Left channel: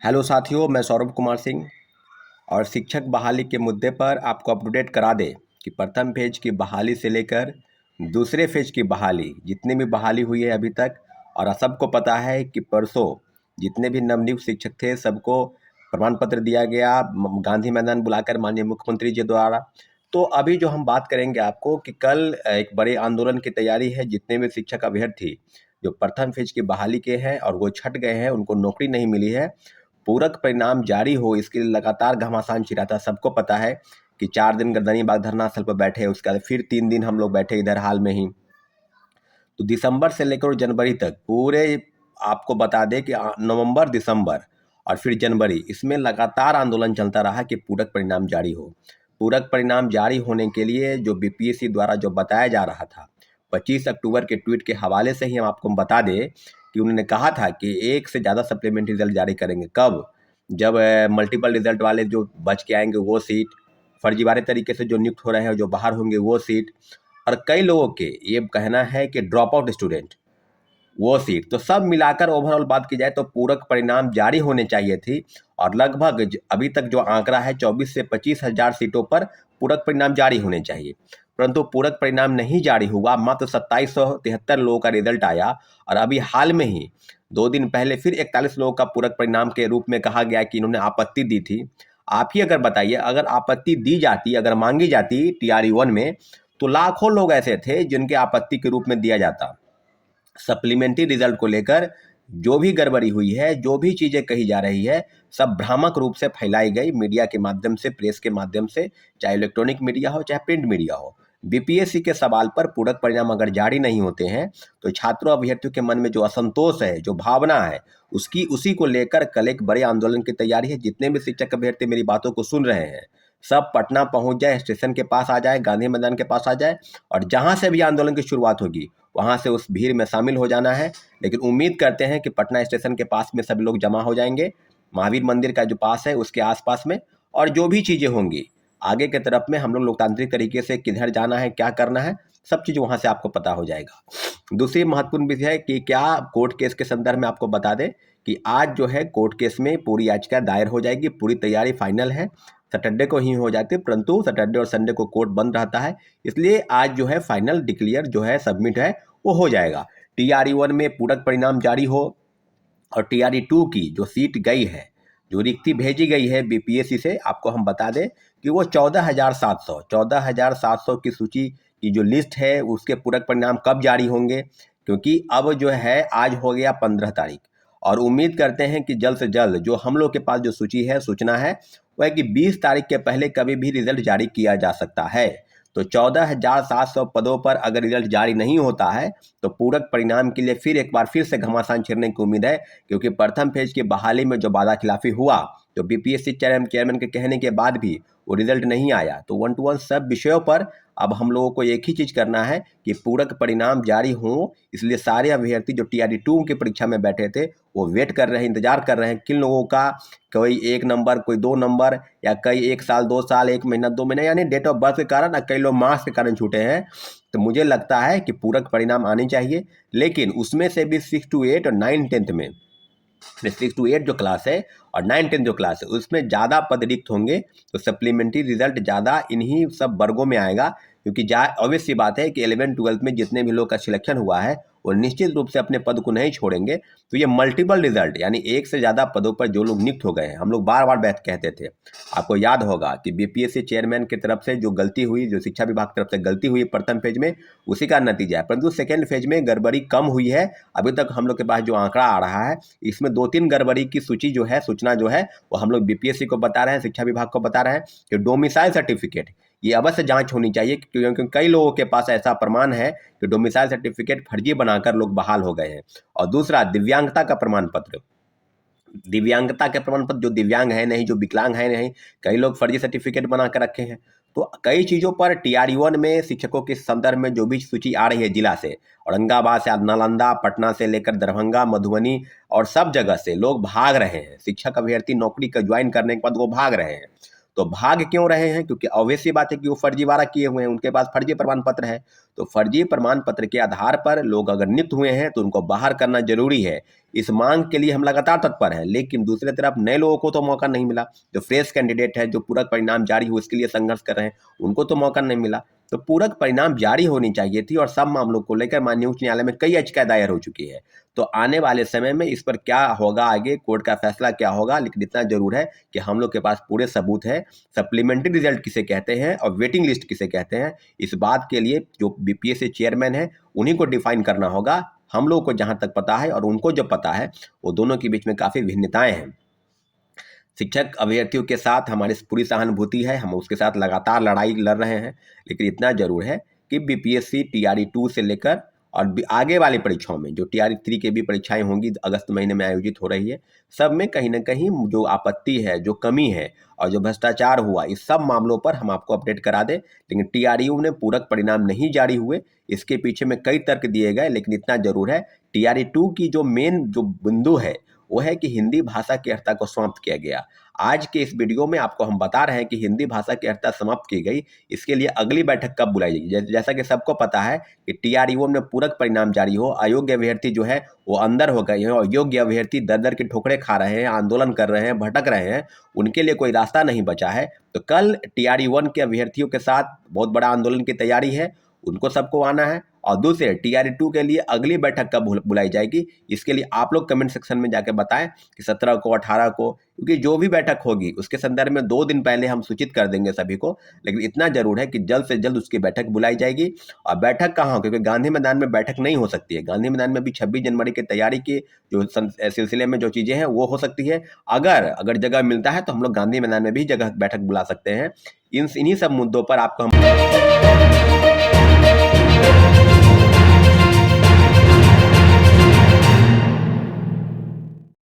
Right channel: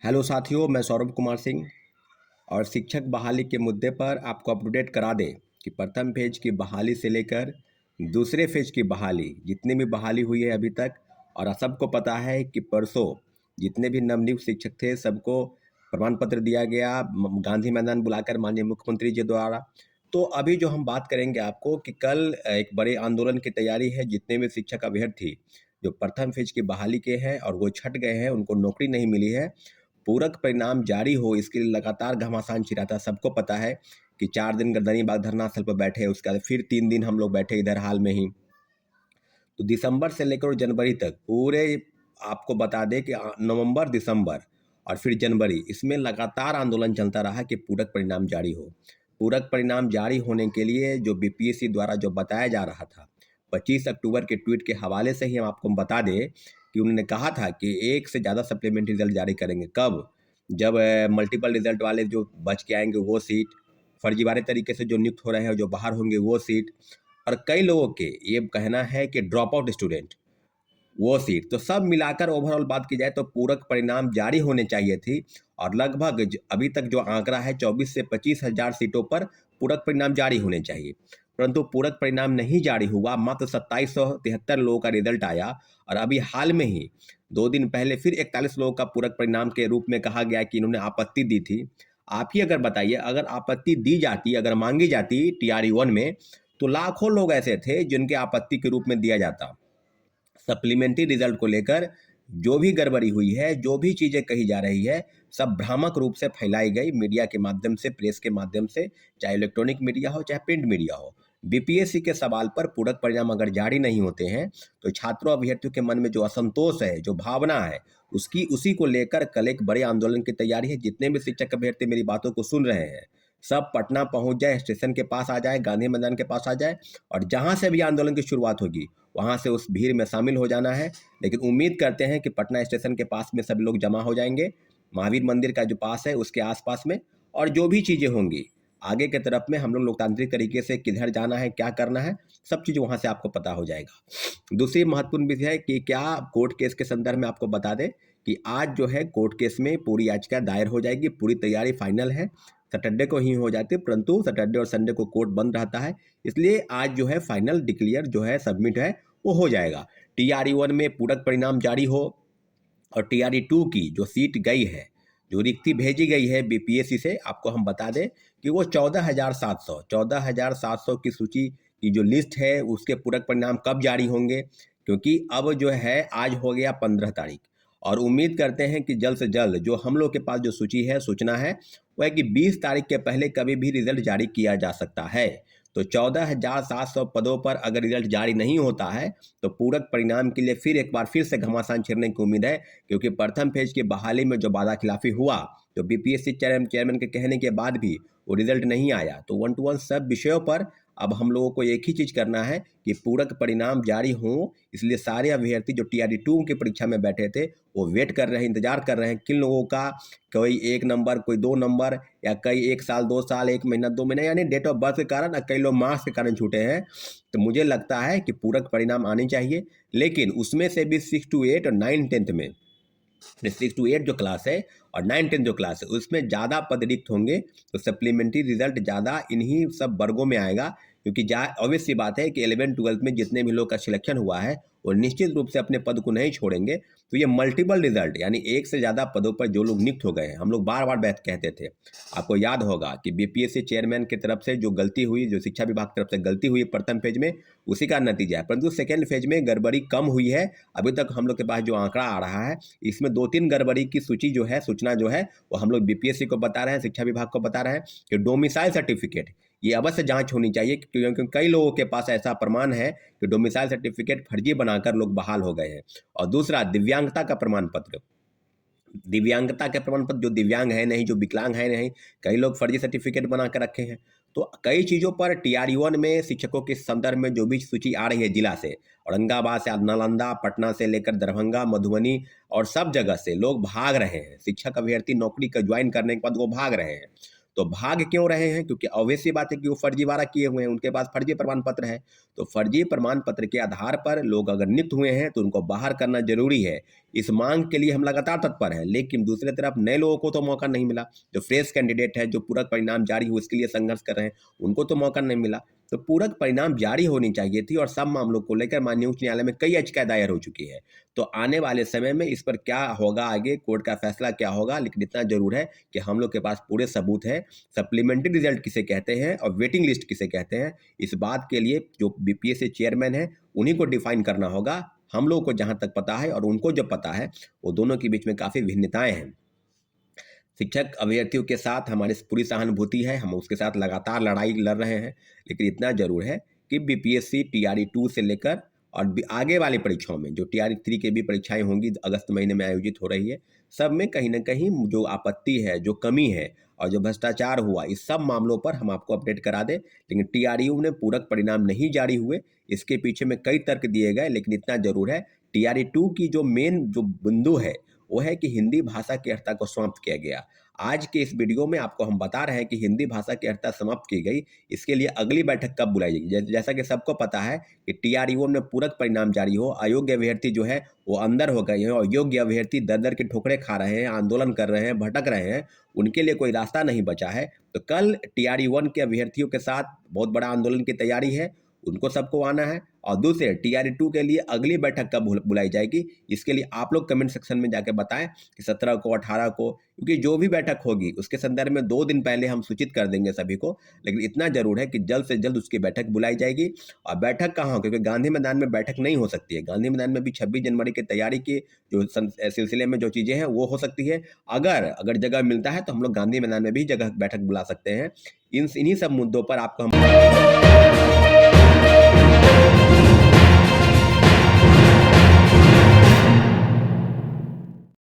Hello साथियों, मैं सौरभ कुमार सिंह और शिक्षक बहाली के मुद्दे पर आपको अप टू डेट करा दें कि प्रथम फेज की बहाली से लेकर दूसरे फेज की बहाली जितनी भी बहाली हुई है अभी तक, और सबको पता है कि परसों जितने भी नवनियुक्त शिक्षक थे सबको प्रमाण पत्र दिया गया गांधी मैदान बुलाकर माननीय मुख्यमंत्री जी द्वारा। तो अभी जो हम बात करेंगे आपको कि कल एक बड़े आंदोलन की तैयारी है। जितने भी शिक्षक अभ्यर्थी जो प्रथम फेज की बहाली के हैं और वो छट गए हैं, उनको नौकरी नहीं मिली है, पूरक परिणाम जारी हो इसके लिए लगातार घमासान छिड़ा था। सबको पता है कि 4 दिन गर्दनी बाग धरना स्थल पर बैठे, उसके बाद फिर 3 दिन हम लोग बैठे इधर हाल में ही। तो दिसंबर से लेकर जनवरी तक पूरे आपको बता दें कि नवंबर, दिसंबर और फिर जनवरी, इसमें लगातार आंदोलन चलता रहा कि पूरक परिणाम जारी हो। पूरक परिणाम जारी होने के लिए जो बीपीएससी द्वारा जो बताया जा रहा था, 25 अक्टूबर के ट्वीट के हवाले से ही हम आपको बता दें कि उन्होंने कहा था कि एक से ज़्यादा सप्लीमेंट्री रिजल्ट जारी करेंगे। कब? जब मल्टीपल रिजल्ट वाले जो बच के आएंगे वो सीट, फर्जीवाड़े तरीके से जो नियुक्त हो रहे हैं जो बाहर होंगे वो सीट, और कई लोगों के ये कहना है कि ड्रॉप आउट स्टूडेंट वो सीट, तो सब मिलाकर ओवरऑल बात की जाए तो पूरक परिणाम जारी होने चाहिए थी। और लगभग अभी तक जो आंकड़ा है 24 से 25 हज़ार सीटों पर पूरक परिणाम जारी होने चाहिए, परंतु पूरक परिणाम नहीं जारी हुआ। मात्र 2773 लोगों का रिजल्ट आया और अभी हाल में ही 2 दिन पहले फिर 41 लोगों का पूरक परिणाम के रूप में कहा गया कि इन्होंने आपत्ति दी थी। आप ही अगर बताइए, अगर आपत्ति दी जाती, अगर मांगी जाती TRE 1 में, तो लाखों लोग ऐसे थे जिनके आपत्ति के रूप में दिया जाता। सप्लीमेंट्री रिजल्ट को लेकर जो भी गड़बड़ी हुई है, जो भी चीज़ें कही जा रही है, सब भ्रामक रूप से फैलाई गई मीडिया के माध्यम से, प्रेस के माध्यम से, चाहे इलेक्ट्रॉनिक मीडिया हो चाहे प्रिंट मीडिया हो। बीपीएससी के सवाल पर पूरक परिणाम अगर जारी नहीं होते हैं तो छात्रों अभ्यर्थियों के मन में जो असंतोष है, जो भावना है, उसी को लेकर कल एक बड़े आंदोलन की तैयारी है। जितने भी शिक्षक अभ्यर्थी मेरी बातों को सुन रहे हैं, सब पटना पहुंच जाए, स्टेशन के पास आ जाए, गांधी मैदान के पास आ जाए, और जहां से भी आंदोलन की शुरुआत होगी वहां से उस भीड़ में शामिल हो जाना है। लेकिन उम्मीद करते हैं कि पटना स्टेशन के पास में सभी लोग जमा हो जाएंगे, महावीर मंदिर का जो पास है उसके आसपास में, और जो भी चीज़ें होंगी आगे के तरफ में हम लोग लोकतांत्रिक तरीके से किधर जाना है, क्या करना है, सब चीज़ वहां से आपको पता हो जाएगा। दूसरी महत्वपूर्ण विषय है कि क्या कोर्ट केस के संदर्भ में आपको बता दें कि आज जो है कोर्ट केस में पूरी याचिका दायर हो जाएगी, पूरी तैयारी फाइनल है। सैटरडे को ही हो जाती है, परंतु सैटरडे और संडे को कोर्ट बंद रहता है, इसलिए आज जो है फाइनल डिक्लेयर जो है सबमिट है वो हो जाएगा। TRE 1 में पूरक परिणाम जारी हो और TRE 2 की जो सीट गई है, जो रिक्ति भेजी गई है बीपीएससी से, आपको हम बता दें कि वो 14,700 की सूची की जो लिस्ट है उसके पूरक परिणाम कब जारी होंगे, क्योंकि अब जो है आज हो गया 15 तारीख, और उम्मीद करते हैं कि जल्द से जल्द जो हम लोग के पास जो सूची है, सूचना है, वह है कि 20 तारीख के पहले कभी भी रिजल्ट जारी किया जा सकता है। तो 14,700 पदों पर अगर रिजल्ट जारी नहीं होता है तो पूरक परिणाम के लिए फिर एक बार फिर से घमासान छिड़ने की उम्मीद है, क्योंकि प्रथम फेज की बहाली में जो वादा खिलाफी हुआ, तो बीपीएससी चेयरमैन के कहने के बाद भी वो रिजल्ट नहीं आया। तो 1 to 1 सब विषयों पर अब हम लोगों को एक ही चीज़ करना है कि पूरक परिणाम जारी हों। इसलिए सारे अभ्यर्थी जो TRE 2 की परीक्षा में बैठे थे वो वेट कर रहे हैं, इंतजार कर रहे हैं किन लोगों का कोई 1 नंबर, कोई 2 नंबर, या कई 1 साल 2 साल, 1 महीना 2 महीने, यानी डेट ऑफ बर्थ के कारण, कई लोग मार्क्स के कारण छूटे हैं। तो मुझे लगता है कि पूरक परिणाम आने चाहिए, लेकिन उसमें से भी 6 to 8 और 9 10th में, 6 to 8 जो क्लास है और 9 10 जो क्लास है उसमें ज़्यादा पद रिक्त होंगे, तो सप्लीमेंट्री रिजल्ट ज़्यादा इन्हीं सब वर्गों में आएगा। क्योंकि ऑब्वियस सी बात है कि 11th 12th में जितने भी लोग का सिलेक्शन हुआ है वो निश्चित रूप से अपने पद को नहीं छोड़ेंगे। तो ये मल्टीपल रिजल्ट, यानी एक से ज़्यादा पदों पर जो लोग नियुक्त हो गए हैं, हम लोग बार बार बात कहते थे, आपको याद होगा कि बीपीएससी चेयरमैन की तरफ से जो गलती हुई, जो शिक्षा विभाग की तरफ से गलती हुई प्रथम फेज में, उसी का नतीजा है। परंतु सेकेंड फेज में गड़बड़ी कम हुई है। अभी तक हम लोग के पास जो आंकड़ा आ रहा है, इसमें 2-3 गड़बड़ी की सूची जो है, सूचना जो है, वो हम लोग बीपीएससी को बता रहे हैं, शिक्षा विभाग को बता रहे हैं कि डोमिसाइल सर्टिफिकेट ये अवश्य जांच होनी चाहिए, क्योंकि कई लोगों के पास ऐसा प्रमाण है कि डोमिसाइल सर्टिफिकेट फर्जी बनाकर लोग बहाल हो गए हैं। और दूसरा, दिव्यांगता का प्रमाण पत्र, दिव्यांगता के प्रमाण पत्र, जो दिव्यांग है नहीं, जो विकलांग है नहीं, कई लोग फर्जी सर्टिफिकेट बना कर रखे हैं। तो कई चीज़ों पर TRE 1 में शिक्षकों के संदर्भ में जो भी सूची आ रही है जिला से, औरंगाबाद से, नालंदा, पटना से लेकर दरभंगा, मधुबनी, और सब जगह से लोग भाग रहे हैं। शिक्षक अभ्यर्थी नौकरी का ज्वाइन करने के बाद वो भाग रहे हैं। तो भाग क्यों रहे हैं? क्योंकि ऑब्वियस सी बात है कि वो फर्जीवाड़ा किए हुए हैं, उनके पास फर्जी प्रमाण पत्र है। तो फर्जी प्रमाण पत्र के आधार पर लोग अगर नियुक्त हुए हैं तो उनको बाहर करना जरूरी है। इस मांग के लिए हम लगातार तत्पर हैं, लेकिन दूसरी तरफ नए लोगों को तो मौका नहीं मिला। जो फ्रेश कैंडिडेट है, जो पूरक परिणाम जारी हो इसके लिए संघर्ष कर रहे हैं, उनको तो मौका नहीं मिला। तो पूरक परिणाम जारी होनी चाहिए थी और सब मामलों को लेकर माननीय उच्च न्यायालय में कई याचिकाएं दायर हो चुकी है। तो आने वाले समय में इस पर क्या होगा, आगे कोर्ट का फैसला क्या होगा, लेकिन इतना जरूर है कि हम लोग के पास पूरे सबूत है। सप्लीमेंट्री रिजल्ट किसे कहते हैं और वेटिंग लिस्ट किसे कहते हैं, इस बात के लिए जो बीपीएससी चेयरमैन है उन्हीं को डिफाइन करना होगा। हम लोग को जहां तक पता है और उनको जो पता है, वो दोनों के बीच में काफी भिन्नताएं हैं। शिक्षक अभ्यर्थियों के साथ हमारी पूरी सहानुभूति है, हम उसके साथ लगातार लड़ाई लड़ रहे हैं, लेकिन इतना जरूर है कि बीपीएससी टीआरई 2 से लेकर और आगे वाली परीक्षाओं में जो टीआरई 3 की भी परीक्षाएं होंगी अगस्त महीने में आयोजित हो रही है, सब में कहीं ना कहीं जो आपत्ति है, जो कमी है और जो भ्रष्टाचार हुआ, इस सब मामलों पर हम आपको अपडेट करा दें। लेकिन टीआरयू ने पूरक परिणाम नहीं जारी हुए, इसके पीछे में कई तर्क दिए गए, लेकिन इतना जरूर है टीआरई 2 की जो मेन जो बिंदु है वो है कि हिंदी भाषा की अर्हता को समाप्त किया गया। आज के इस वीडियो में आपको हम बता रहे हैं कि हिंदी भाषा की अर्हता समाप्त की गई, इसके लिए अगली बैठक कब बुलाई जाएगी। जैसा कि सबको पता है कि टीआरयू में पूरक परिणाम जारी हो, अयोग्य अभ्यर्थी जो है वो अंदर हो गए हैं और योग्य अभ्यर्थी दर दर की ठोकरें खा रहे हैं, आंदोलन कर रहे हैं, भटक रहे हैं, उनके लिए कोई रास्ता नहीं बचा है। तो कल टीआरयू 1 के अभ्यर्थियों के साथ बहुत बड़ा आंदोलन की तैयारी है, उनको सबको आना है। और दूसरे टीआरई 2 के लिए अगली बैठक कब बुलाई जाएगी, इसके लिए आप लोग कमेंट सेक्शन में जाके बताएं कि 17 को, 18 को, क्योंकि जो भी बैठक होगी उसके संदर्भ में 2 दिन पहले हम सूचित कर देंगे सभी को। लेकिन इतना जरूर है कि जल्द से जल्द उसकी बैठक बुलाई जाएगी। और बैठक कहाँ हो, क्योंकि गांधी मैदान में बैठक नहीं हो सकती है। गांधी मैदान में भी 26 जनवरी की तैयारी के जो सिलसिले में जो चीजें हैं वो हो सकती है। अगर जगह मिलता है तो हम लोग गांधी मैदान में भी जगह बैठक बुला सकते हैं। इन्हीं सब मुद्दों पर आपको हम